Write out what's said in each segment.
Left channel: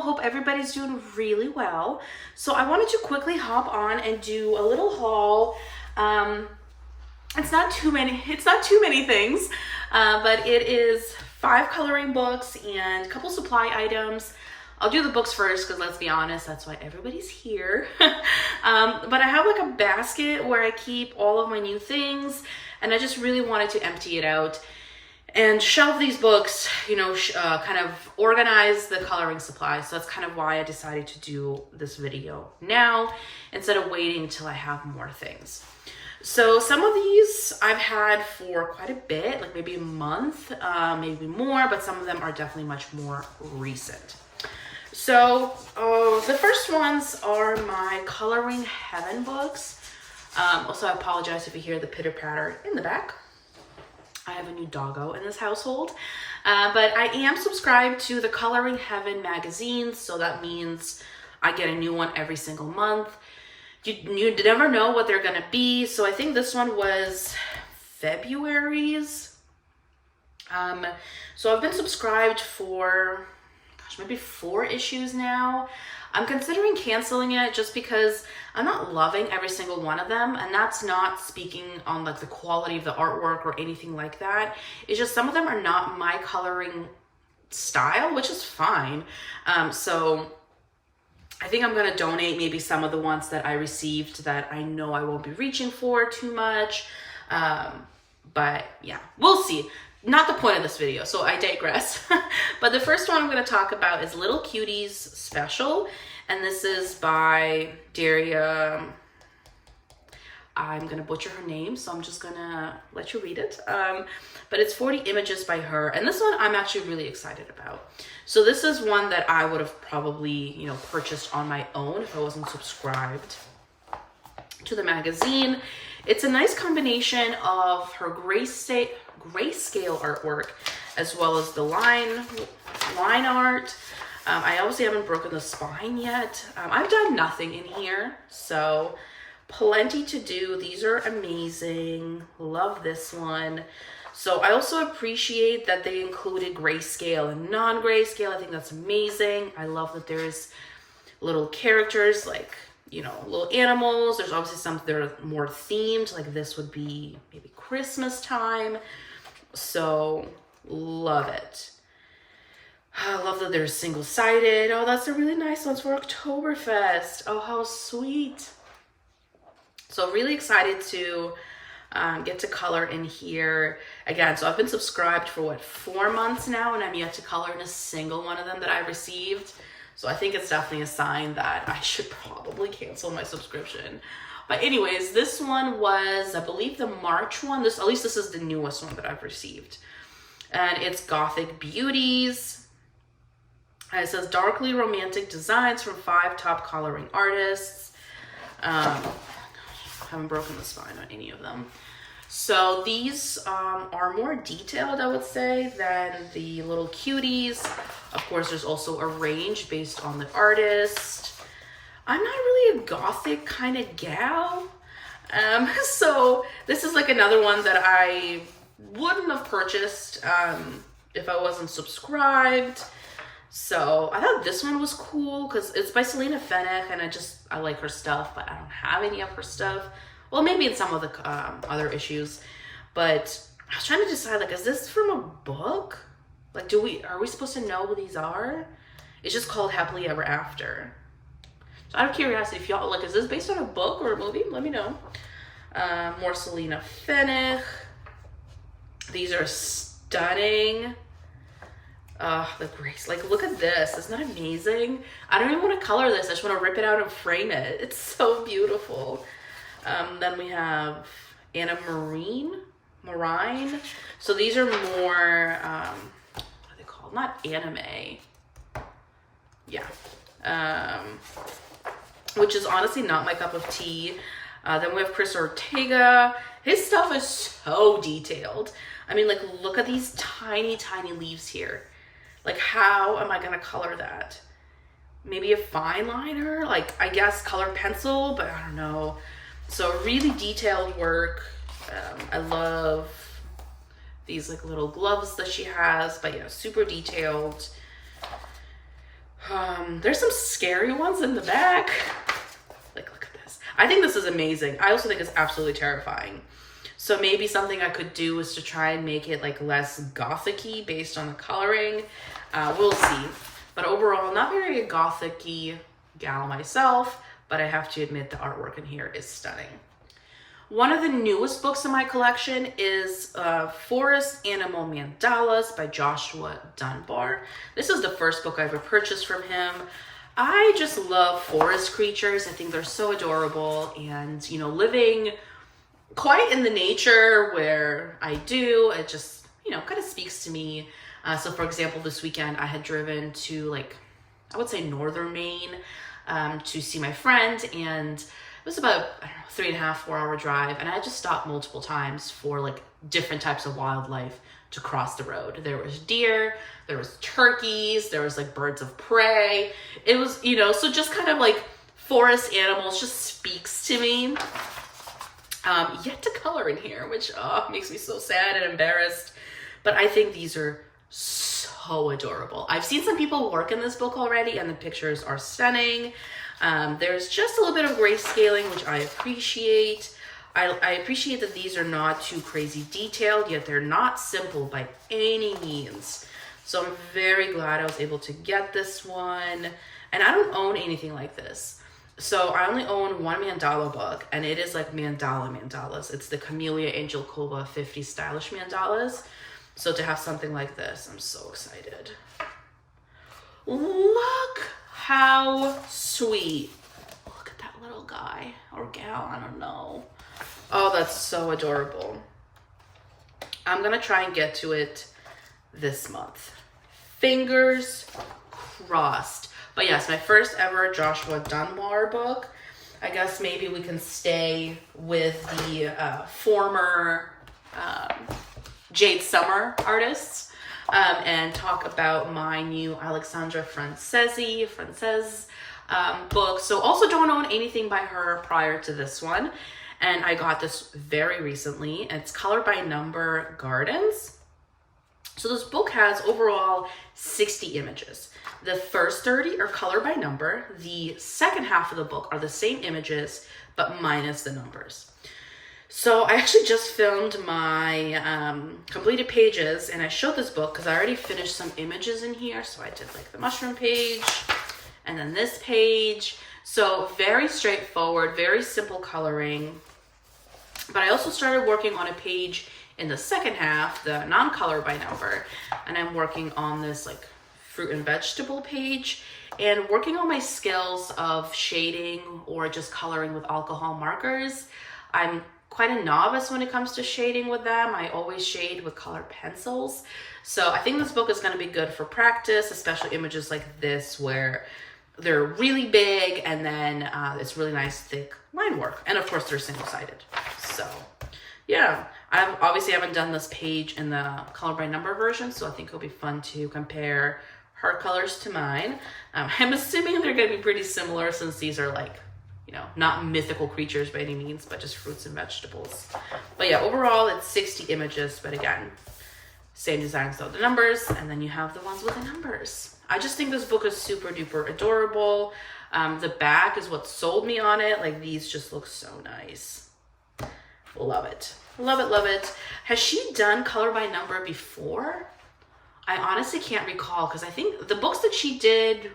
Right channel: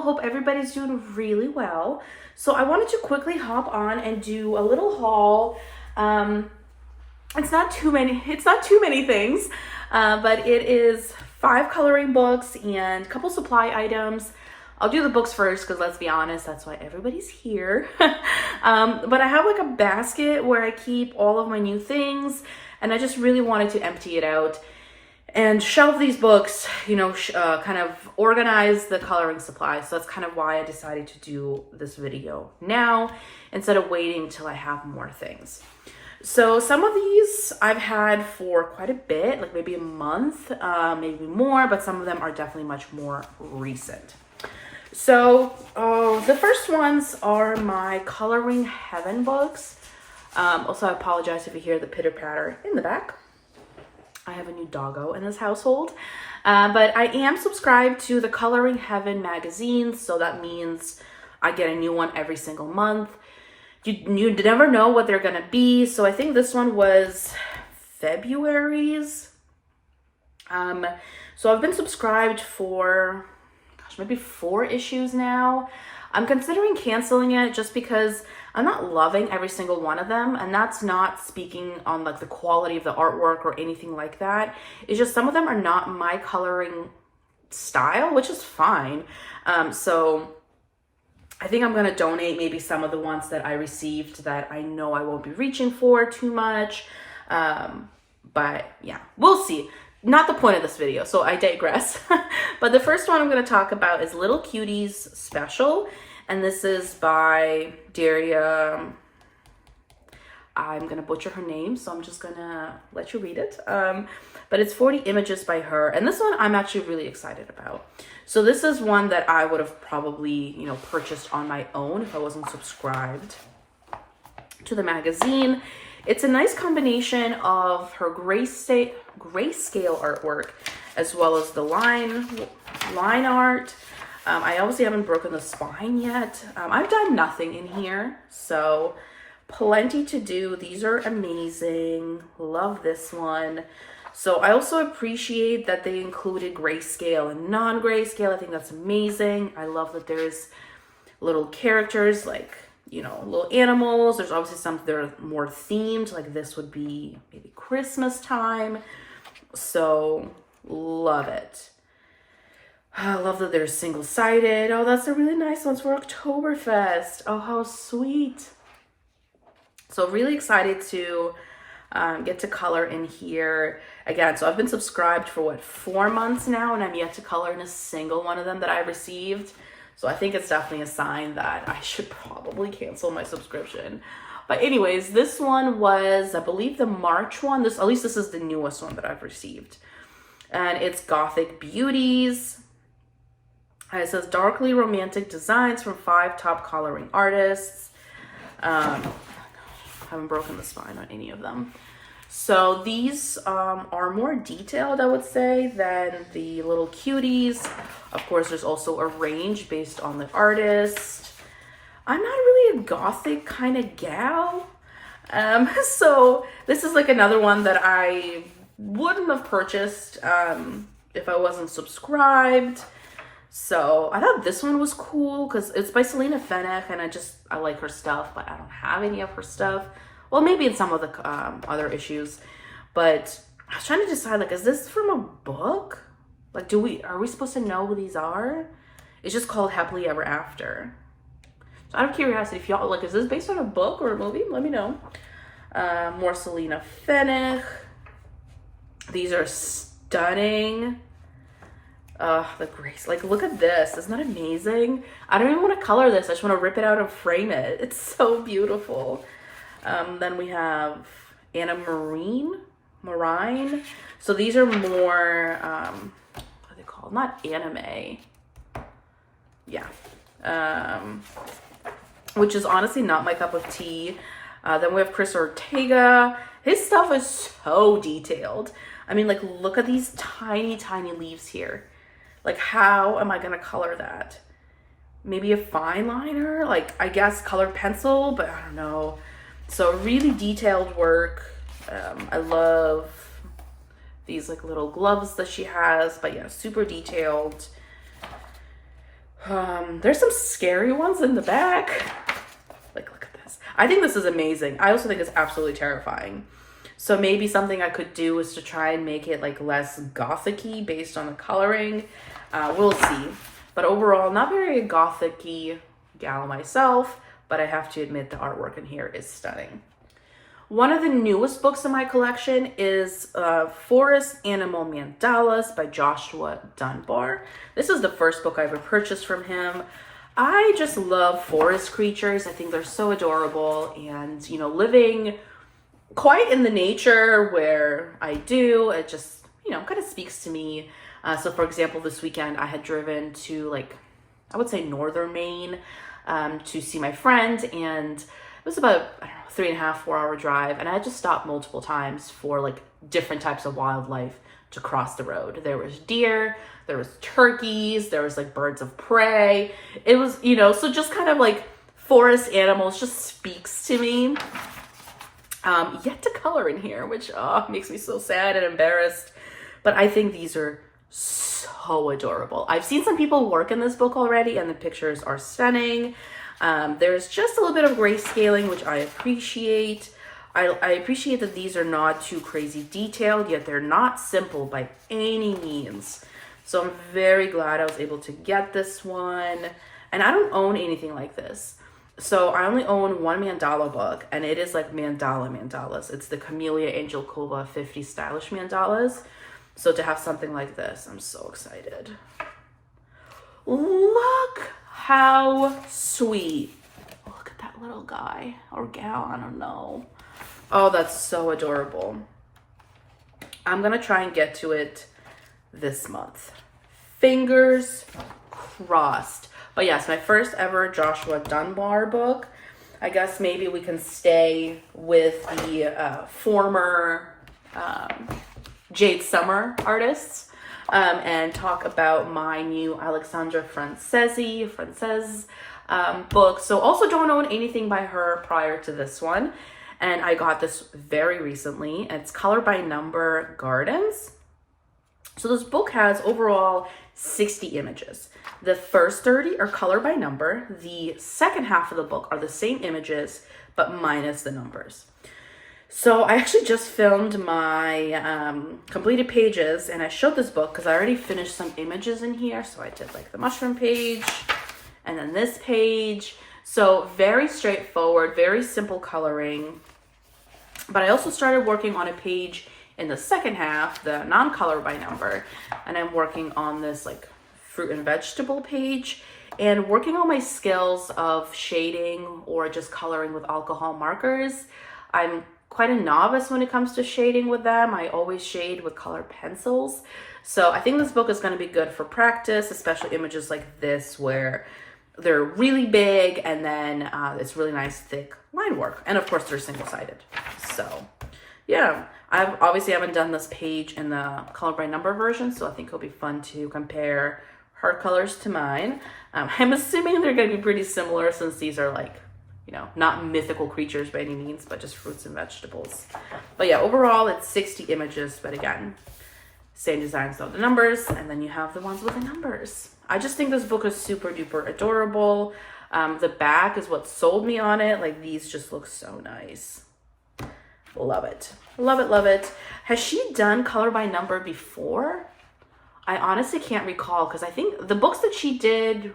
Hello, hope everybody's doing really well. So I wanted to quickly hop on and do a little haul. It's not too many things, but it is 5 coloring books and a couple supply items. I'll do the books first because let's be honest, that's why everybody's here. But I have like a basket where I keep all of my new things, and I just really wanted to empty it out and shelve these books, kind of organize the coloring supplies. So that's kind of why I decided to do this video now instead of waiting till I have more things. So some of these I've had for quite a bit, like maybe a month, maybe more, but some of them are definitely much more recent. So the first ones are my Coloring Heaven books. Also, I apologize if you hear the pitter patter in the back. I have a new doggo in this household, but I am subscribed to the Coloring Heaven magazine, so that means I get a new one every single month. You never know what they're gonna be, so I think this one was February's. So I've been subscribed for, maybe 4 issues now. I'm considering canceling it just because I'm not loving every single one of them, and that's not speaking on like the quality of the artwork or anything like that. It's just some of them are not my coloring style, which is fine. So I think I'm gonna donate maybe some of the ones that I received that I know I won't be reaching for too much. But yeah, we'll see. Not the point of this video, so I digress. But the first one I'm going to talk about is Little Cuties Special, and this is by Daria. I'm going to butcher her name, so I'm just going to let you read it. But it's 40 images by her, and this one I'm actually really excited about. So this is one that I would have probably, purchased on my own if I wasn't subscribed to the magazine. It's a nice combination of her grayscale artwork as well as the line art. I obviously haven't broken the spine yet. I've done nothing in here, so plenty to do. These are amazing. Love this one. So I also appreciate that they included grayscale and non-grayscale. I think that's amazing. I love that there's little characters like little animals. There's obviously some that are more themed, like this would be maybe Christmas time. So love it. I love that they're single-sided. Oh, that's a really nice one for Oktoberfest. Oh, how sweet. So really excited to get to color in here again. So I've been subscribed for 4 months now, and I'm yet to color in a single one of them that I received. So I think it's definitely a sign that I should probably cancel my subscription. But anyways, this one was, I believe, the March one. At least this is the newest one that I've received. And it's Gothic Beauties. And it says darkly romantic designs from 5 top coloring artists. I haven't broken the spine on any of them. So these are more detailed, I would say, than the Little Cuties. Of course, there's also a range based on the artist. I'm not really a gothic kind of gal. So this is like another one that I wouldn't have purchased if I wasn't subscribed. So I thought this one was cool because it's by Selena Fenech, and I like her stuff, but I don't have any of her stuff. Well, maybe in some of the other issues, but I was trying to decide, like, is this from a book? Like, are we supposed to know who these are? It's just called Happily Ever After. So out of curiosity, if y'all, like, is this based on a book or a movie? Let me know. More Selena Fenech. These are stunning. The grace, like, look at this. Isn't that amazing? I don't even want to color this. I just want to rip it out and frame it. It's so beautiful. Then we have Anna Marine. So these are more, what are they called? Not anime. Yeah. Which is honestly not my cup of tea. Then we have Chris Ortega. His stuff is so detailed. I mean, like, look at these tiny, tiny leaves here. Like, how am I going to color that? Maybe a fine liner? Like, I guess colored pencil, but I don't know. So really detailed work. I love these like little gloves that she has, but yeah, super detailed. There's some scary ones in the back. Like, look at this. I think this is amazing. I also think it's absolutely terrifying. So maybe something I could do is to try and make it like less gothic-y based on the coloring. We'll see. But overall, not very gothic-y gal myself, but I have to admit the artwork in here is stunning. One of the newest books in my collection is Forest Animal Mandalas by Joshua Dunbar. This is the first book I ever purchased from him. I just love forest creatures. I think they're so adorable, and you know, living quite in the nature where I do, it just, you know, kind of speaks to me. So for example, this weekend I had driven to like, I would say northern Maine to see my friend, and it was about, I don't know, 3.5, 4 hour drive. And I had to stop multiple times for like different types of wildlife to cross the road. There was deer, there was turkeys, there was like birds of prey. It was, you know, so just kind of like forest animals just speaks to me. Yet to color in here, which makes me so sad and embarrassed. But I think these are so adorable. I've seen some people work in this book already, and the pictures are stunning. There's just a little bit of grayscaling, which I appreciate. I appreciate that these are not too crazy detailed, yet they're not simple by any means. So I'm very glad I was able to get this one. And I don't own anything like this. So I only own one mandala book, and it is like mandalas. It's the Camellia Angelkova 50 Stylish Mandalas. So to have something like this, I'm so excited. Look how sweet. Look at that little guy or gal, I don't know. Oh, that's so adorable. I'm gonna try and get to it this month. Fingers crossed. But yes, my first ever Joshua Dunbar book. I guess maybe we can stay with the former Jade Summer artists and talk about my new Alexandra Frances book. So also don't own anything by her prior to this one. And I got this very recently. It's Color by Number Gardens. So this book has overall 60 images. The first 30 are color by number. The second half of the book are the same images, but minus the numbers. So I actually just filmed my completed pages, and I showed this book because I already finished some images in here. So I did like the mushroom page and then this page. So very straightforward, very simple coloring. But I also started working on a page in the second half, the non-color by number, and I'm working on this like fruit and vegetable page and working on my skills of shading or just coloring with alcohol markers. I'm quite a novice when it comes to shading with them. I always shade with colored pencils. So I think this book is going to be good for practice, especially images like this where they're really big and then it's really nice thick line work. And of course they're single-sided. So yeah, I've obviously haven't done this page in the color by number version, so I think it'll be fun to compare her colors to mine. I'm assuming they're going to be pretty similar since these are like, you know, not mythical creatures by any means, but just fruits and vegetables. But yeah, overall it's 60 images, but again, same designs though, the numbers, and then you have the ones with the numbers. I just think this book is super duper adorable. The back is what sold me on it. Like these just look so nice. Love it. Love it, love it. Has she done color by number before? I honestly can't recall because I think the books that she did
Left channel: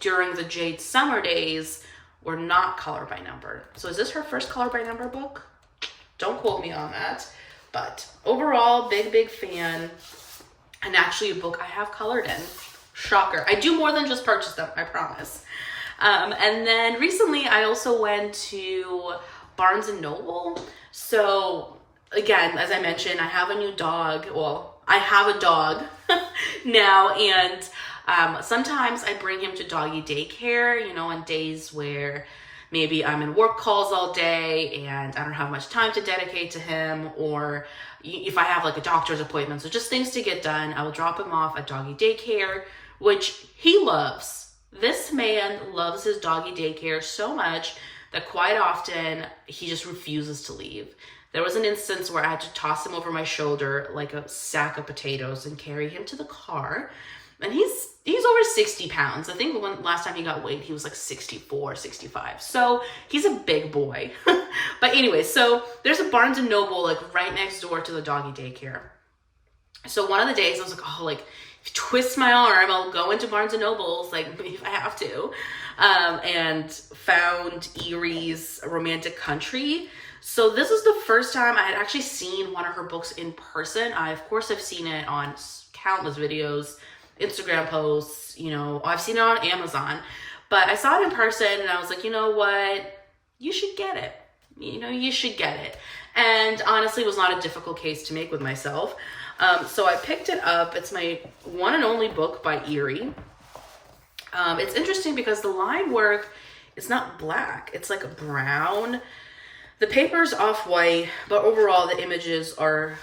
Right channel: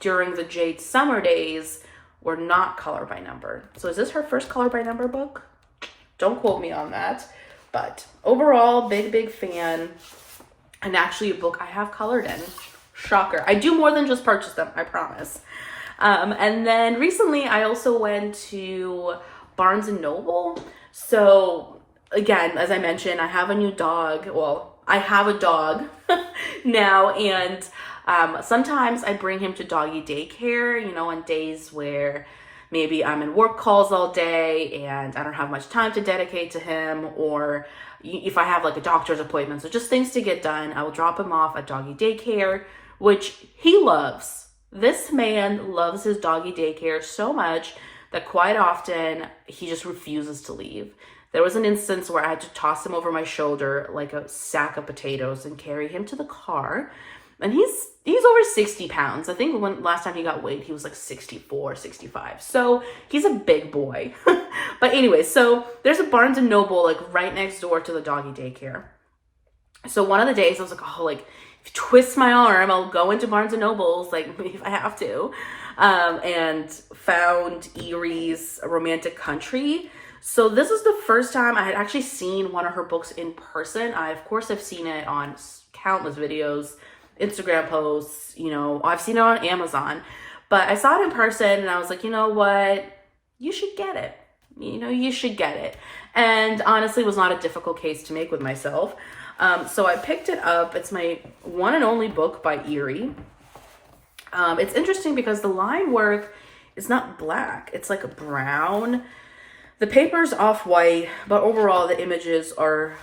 during the Jade Summer days were not color by number. So is this her first color by number book? Don't quote me on that. But overall, big fan. And actually a book I have colored in. Shocker. I do more than just purchase them, I promise. And then recently I also went to Barnes and Noble. So again, as I mentioned, I have a new dog. Well, I have a dog now, and sometimes I bring him to doggy daycare, you know, on days where maybe I'm in work calls all day and I don't have much time to dedicate to him, or if I have like a doctor's appointment, so just things to get done, I will drop him off at doggy daycare, which he loves. This man loves his doggy daycare so much that quite often he just refuses to leave. There was an instance where I had to toss him over my shoulder like a sack of potatoes and carry him to the car. And he's over 60 pounds. I think when last time he got weighed, he was like 64, 65. So he's a big boy. But anyway, so there's a Barnes & Noble like right next door to the doggy daycare. So one of the days I was like, oh, like, twist my arm, I'll go into Barnes & Noble's, like, if I have to. And found Erie's Romantic Country. So this was the first time I had actually seen one of her books in person. Of course, I've seen it on countless videos, Instagram posts, you know, I've seen it on Amazon, but I saw it in person and I was like, you know what, you should get it. You know, you should get it. And honestly, it was not a difficult case to make with myself. So I picked it up. It's my one and only book by Erie. It's interesting because the line work is not black. It's like a brown. The paper's off-white, but overall the images are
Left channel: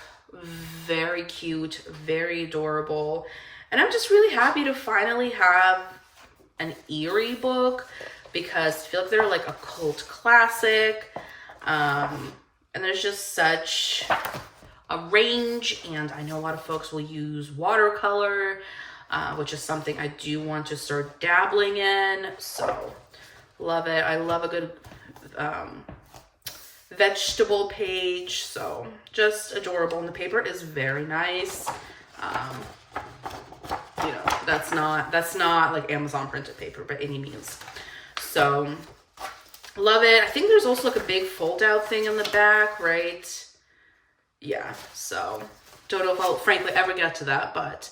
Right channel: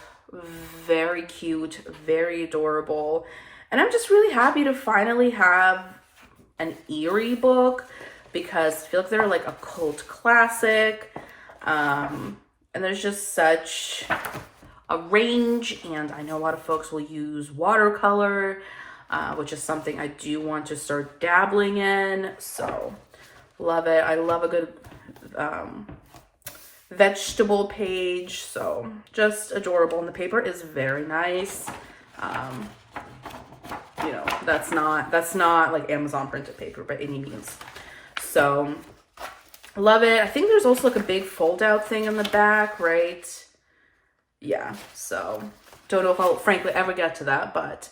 very cute, very adorable. And I'm just really happy to finally have an Erie book because I feel like they're like a cult classic. And there's just such a range, and I know a lot of folks will use watercolor, which is something I do want to start dabbling in. So love it. I love a good vegetable page. So just adorable. And the paper is very nice. You know, that's not like Amazon printed paper by any means. So love it. I think there's also like a big fold out thing in the back, right? Yeah, so don't know if I'll frankly ever get to that, but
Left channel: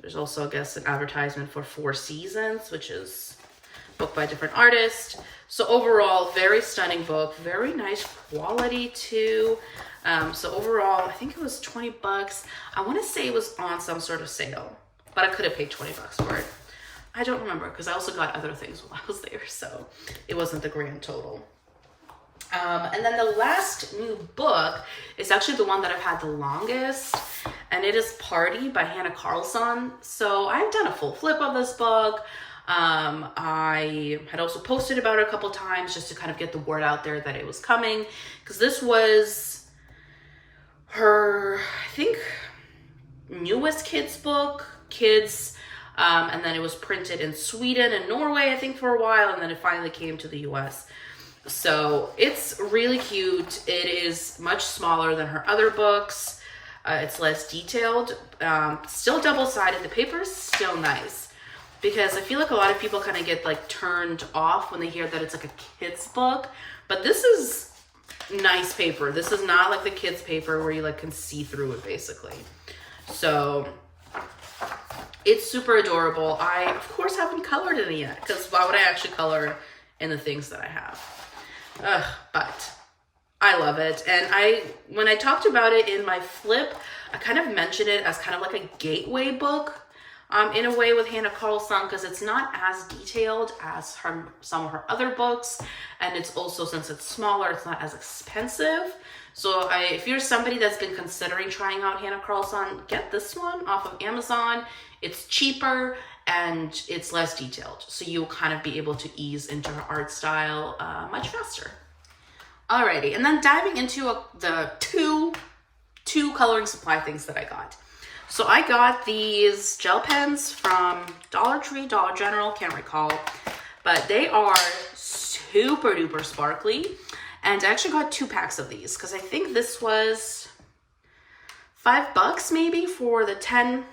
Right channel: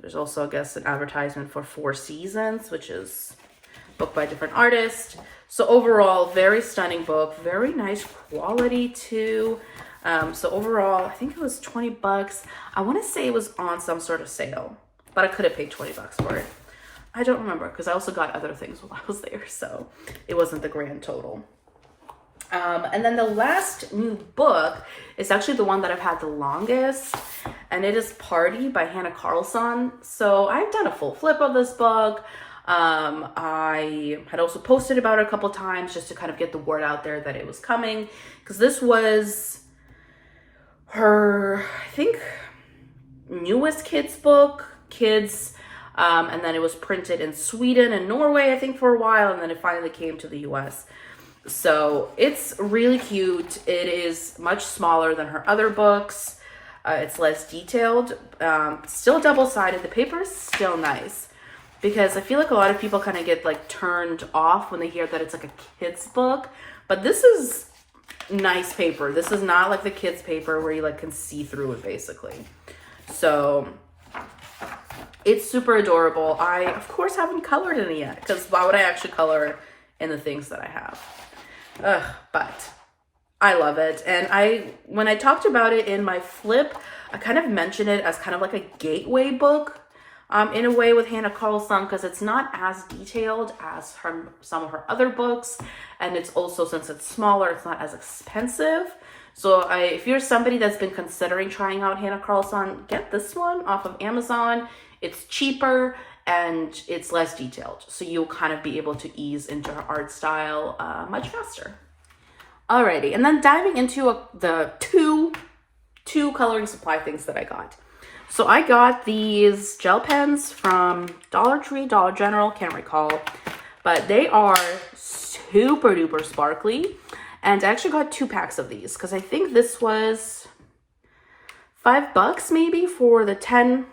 there's also, I guess, an advertisement for 4 Seasons, which is a book by a different artist. So overall, very stunning book, very nice quality too. So overall, I think it was 20 bucks. I want to say it was on some sort of sale, but I could have paid 20 bucks for it. I don't remember because I also got other things while I was there, so it wasn't the grand total. And then the last new book is actually the one that I've had the longest, and it is Party by Hannah Carlson. So I've done a full flip of this book. I had also posted about it a couple times just to kind of get the word out there that it was coming, because this was her, I think, newest kids book, and then it was printed in Sweden and Norway, I think, for a while, and then it finally came to the US. So it's really cute. It is much smaller than her other books. It's less detailed, still double-sided. The paper is still nice, because I feel like a lot of people kind of get like turned off when they hear that it's like a kid's book, but this is nice paper. This is not like the kids paper where you like can see through it basically. So it's super adorable. I of course haven't colored in it yet, because why would I actually color in the things that I have? But I love it. And when I talked about it in my flip, I kind of mentioned it as kind of like a gateway book in a way with Hannah Carlson, because it's not as detailed as some of her other books, and it's also, since it's smaller, it's not as expensive. So if you're somebody that's been considering trying out Hannah Carlson, get this one off of Amazon. It's cheaper and it's less detailed, so you'll kind of be able to ease into her art style much faster. Alrighty, and then diving into the two coloring supply things that I got. So I got these gel pens from Dollar Tree, Dollar General, can't recall, but they are super duper sparkly. And I actually got 2 packs of these because I think this was $5 maybe for the 10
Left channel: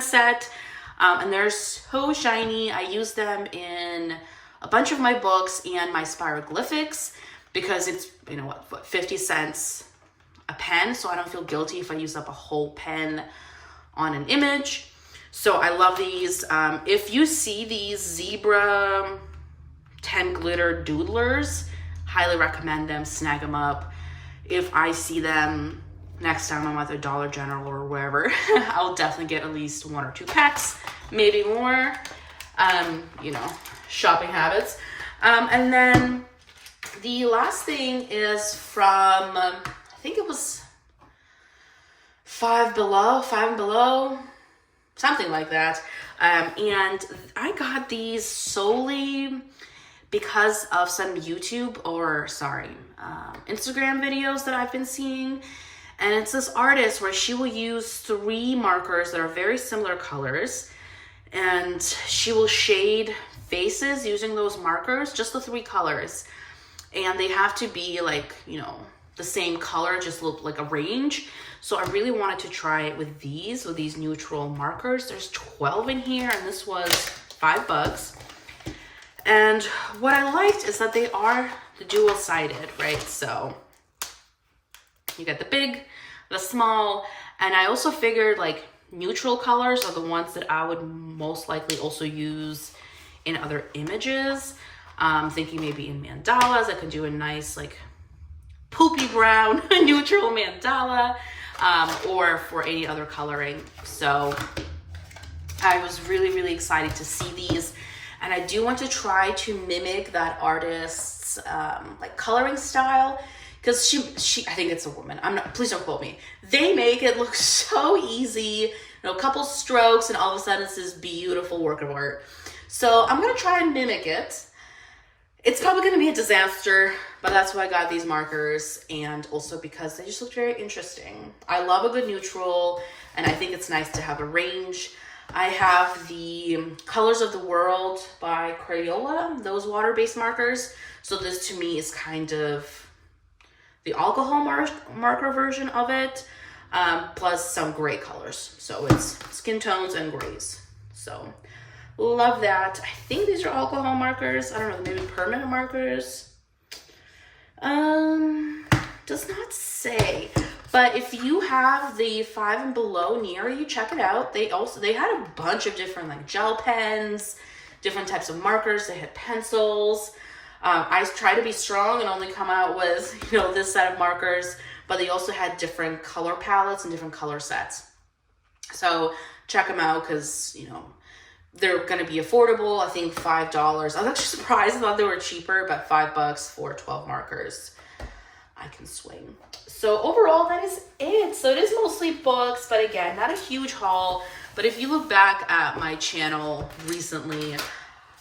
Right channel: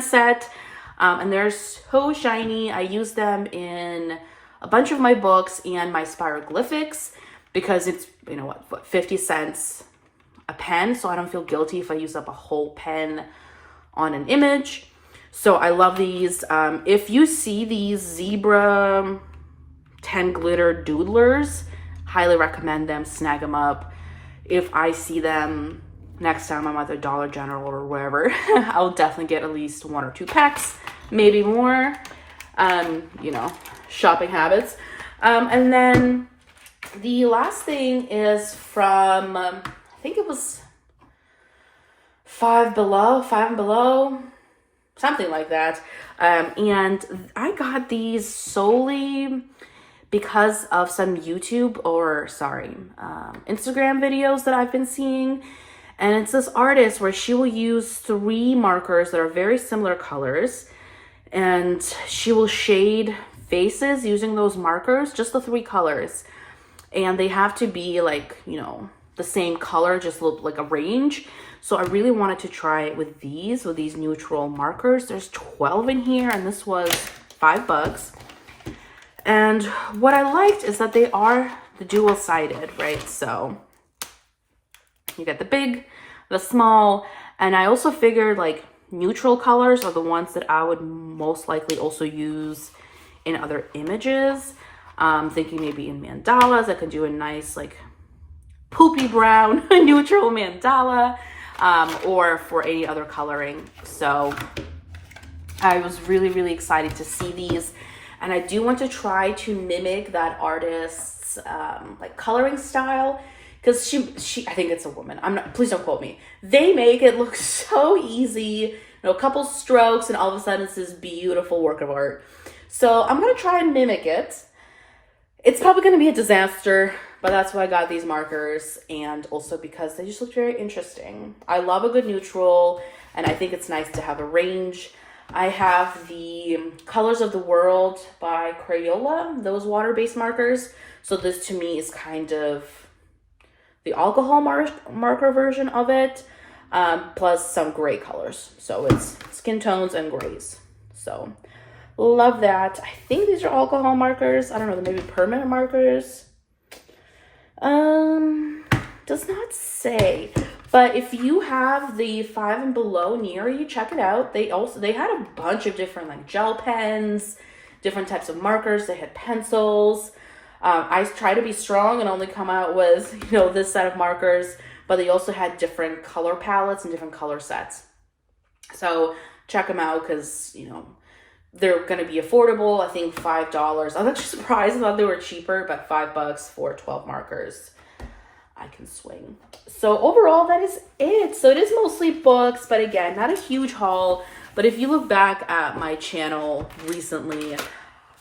set. And they're so shiny. I use them in a bunch of my books and my spiroglyphics because it's, you know what, 50 cents a pen. So I don't feel guilty if I use up a whole pen on an image. So I love these. If you see these zebra 10 glitter doodlers, highly recommend them, snag them up. If I see them next time I'm at the Dollar General or wherever, I'll definitely get at least 1 or 2 packs, maybe more, you know, shopping habits. And then the last thing is from, I think it was Five and Below, something like that. And I got these solely because of some Instagram videos that I've been seeing. And it's this artist where she will use 3 markers that are very similar colors, and she will shade faces using those markers, just the 3 colors. And they have to be like, you know, the same color, just look like a range. So I really wanted to try it with these neutral markers. There's 12 in here, and this was $5. And what I liked is that they are the dual-sided, right? So you get the big, the small, and I also figured like neutral colors are the ones that I would most likely also use in other images. Thinking maybe in mandalas, I could do a nice like poopy brown neutral mandala, or for any other coloring. So I was really, really excited to see these. And I do want to try to mimic that artist's like coloring style, because she I think it's a woman. I'm not, please don't quote me. They make it look so easy, you know, a couple strokes and all of a sudden it's this beautiful work of art. So I'm gonna try and mimic it. It's probably gonna be a disaster, but that's why I got these markers, and also because they just look very interesting. I love a good neutral, and I think it's nice to have a range. I have the Colors of the World by Crayola, those water-based markers. So this to me is kind of the alcohol marker version of it, plus some gray colors. So it's skin tones and grays. So love that. I think these are alcohol markers. I don't know, maybe permanent markers. Does not say. But if you have the 5 and below near you, check it out. They had a bunch of different like gel pens, different types of markers. They had pencils. I try to be strong and only come out with, you know, this set of markers, but they also had different color palettes and different color sets. So check them out, because, you know, they're going to be affordable. I think $5. I was actually surprised. I thought they were cheaper, but $5 for 12 markers. I can swing. So overall, that is it. So it is mostly books, but again, not a huge haul. But if you look back at my channel recently,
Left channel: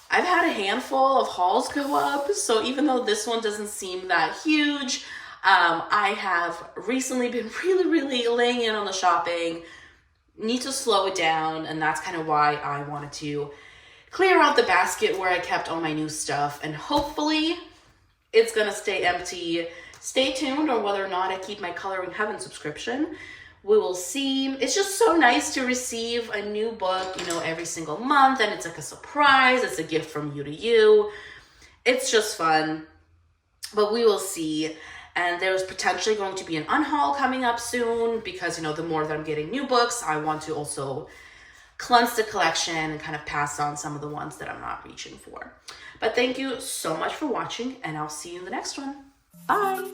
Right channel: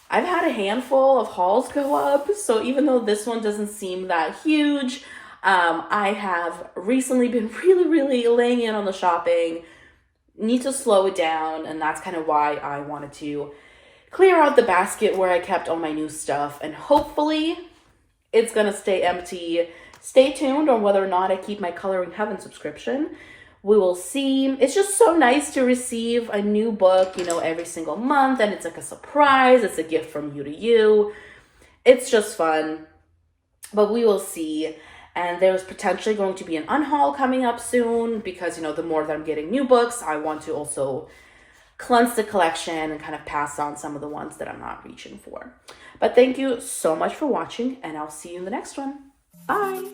I've had a handful of hauls go up. So even though this one doesn't seem that huge, I have recently been really, really laying in on the shopping. Need to slow it down, and that's kind of why I wanted to clear out the basket where I kept all my new stuff, and hopefully it's gonna stay empty. Stay tuned on whether or not I keep my Coloring Heaven subscription. We will see. It's just so nice to receive a new book, you know, every single month, and it's like a surprise. It's a gift from you to you. It's just fun, but we will see. And there's potentially going to be an unhaul coming up soon, because, you know, the more that I'm getting new books, I want to also cleanse the collection and kind of pass on some of the ones that I'm not reaching for. But thank you so much for watching, and I'll see you in the next one. Bye.